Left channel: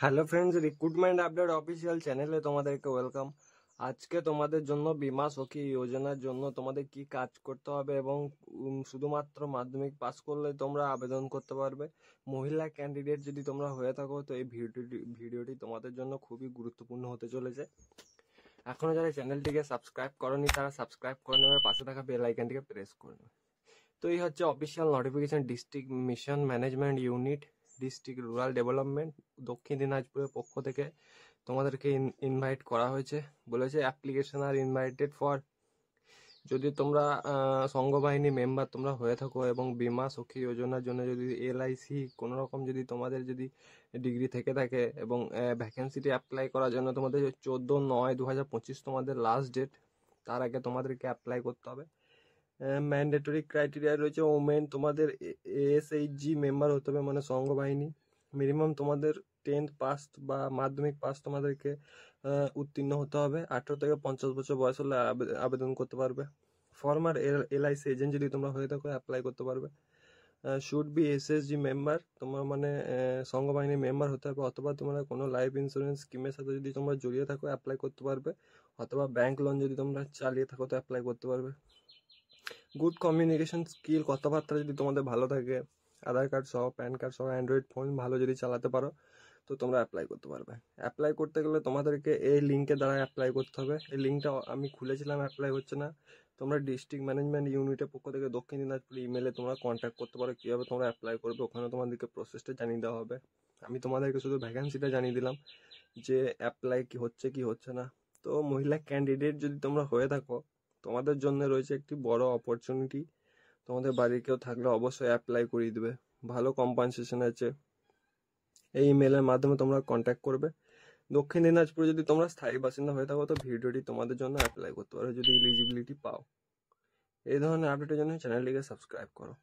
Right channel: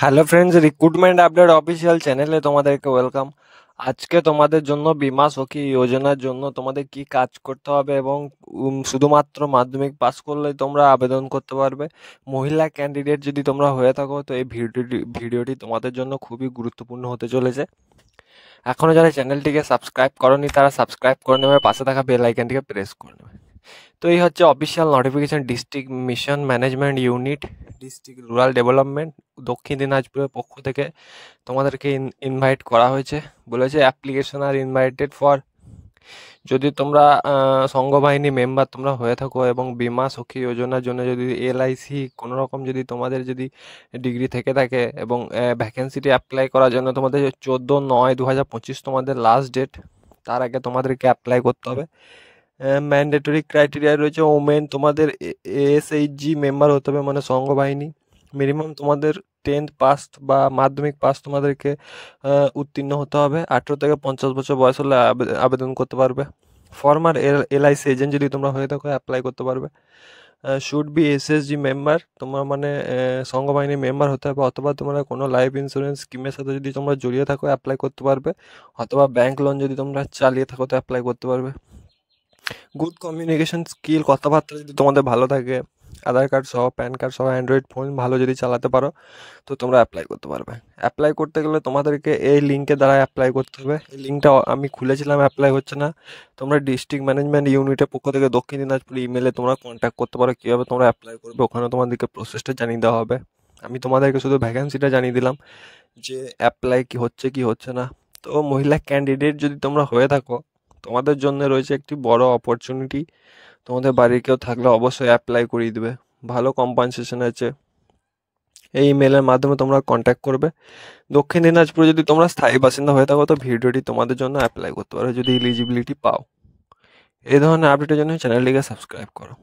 Hello friends, recruitment update official চ্যানেলে তোমাদেরকে welcome. আজকে তোমাদের জন্য বীমা সখী যোজনার জন্য তোমাদের কি কাজ করতে হবে এবং শুধুমাত্র মাধ্যমিক পাস করলেই তোমরা আবেদন করতে পারবে। মহিলা ক্যান্ডিডেট যদি তোমরা হয়ে থাকো তো এই ভিডিওটি তোমাদের জন্য খুবই গুরুত্বপূর্ণ হতে চলেছে। এখনও যারা চ্যানেলটিকে সাবস্ক্রাইব করনি তারা সাবস্ক্রাইব করে নেবে, পাশে থাকা বেল আইকনটিকে প্রেস করে নেবে। তো এই হচ্ছে official notification, district mission management unit, district rural development, দক্ষিণ দিনাজপুরের পক্ষ থেকে তোমাদেরকে ইনভাইট করা হয়েছে। বলেছে অ্যাপ্লিকেশন আর ইনভাইটেড ফর, যদি তোমরা সংঘবাহিনী মেম্বার তোমরা হয়ে থাকো এবং বীমা সখী যোজনার জন্য যদি এলআইসি কোনো রকম যদি তোমাদের যদি ডিগ্রি থেকে থাকে এবং ভ্যাকেন্সিটি অ্যাপ্লাই করার জন্য তোমাদের 14/9/2025 তোমাদের লাস্ট ডেট, তার আগে তোমাদেরকে অ্যাপ্লাই করতে হবে। ম্যান্ডেটরি ক্রাইটেরিয়া রয়েছে, ওমেন তোমাদের এএসএইচজি মেম্বার হতে হবে, মানে সংঘবাহিনী। মিনিমাম তোমাদের 10th পাস বা মাধ্যমিক পাস তোমাদেরকে উত্তীর্ণ হতে হবে। 18 থেকে 50 বছর বয়স হলে আবেদন করতে পারবে। ফর্মার এলআইসি এজেন্ট যদি তোমরা হয়ে থাকো অ্যাপ্লাই করতে পারবে। শুড বি এসএসজি মেম্বার, তোমার মানে সংঘবাহিনী মেম্বার হতে হবে, অথবা তোমরা কোনো লাইফ ইন্স্যুরেন্স স্কিমের সাথে যদি তোমরা জড়িয়ে থাকো অ্যাপ্লাই করতে পারবে, অথবা ব্যাংক লোন যদি তোমরা চালিয়ে থাকো তো অ্যাপ্লাই করতে পারবে। গুড কমিউনিকেশন স্কিল, কথাবার্তা যদি তোমাদের ভালো থাকে, আধার কার্ড সহ প্যান কার্ড সহ অ্যান্ড্রয়েড ফোন ভালো যদি চালাতে পারো তো তোমরা অ্যাপ্লাই করতে পারবে। অ্যাপ্লাই করতে গেলে তোমাদেরকে এই লিঙ্কের দ্বারা অ্যাপ্লাই করতে হবে। এই লিঙ্কটা আমি খুলেছিলাম, অ্যাপ্লাই হচ্ছে না। তোমরা ডিস্ট্রিক্ট ম্যানেজমেন্ট ইউনিটের পক্ষ থেকে দক্ষিণ দিনাজপুর ইমেলে তোমরা কন্ট্যাক্ট করতে পারো, কীভাবে তোমরা অ্যাপ্লাই করবে। ওখানে তোমাদেরকে প্রসেসটা জানিয়ে দেওয়া হবে। আমি তোমাদেরকে শুধু ভ্যাকেন্সিটা জানিয়ে দিলাম যে অ্যাপ্লাই কি হচ্ছে কি হচ্ছে না। তো মহিলা ক্যান্ডিডেট যদি তোমরা হয়ে থাকো তোমাদের জন্য রয়েছে একটি বড় অপরচুনিটি। তোমাদের বাড়ির কেউ থাকলে অবশ্যই অ্যাপ্লাই করিয়ে দেবে, ভালো কম্পেনসেশন আছে। এই ইমেলের মাধ্যমে তোমরা কন্ট্যাক্ট করবে। দক্ষিণ দিনাজপুরে যদি তোমরা স্থায়ী বাসিন্দা হয়ে থাকো তো ভিডিওটি তোমাদের জন্য অ্যাপ্লাই করতে পারো যদি এলিজিবিলিটি পাও। এই ধরনের আপডেটের জন্য চ্যানেলটিকে সাবস্ক্রাইব করো।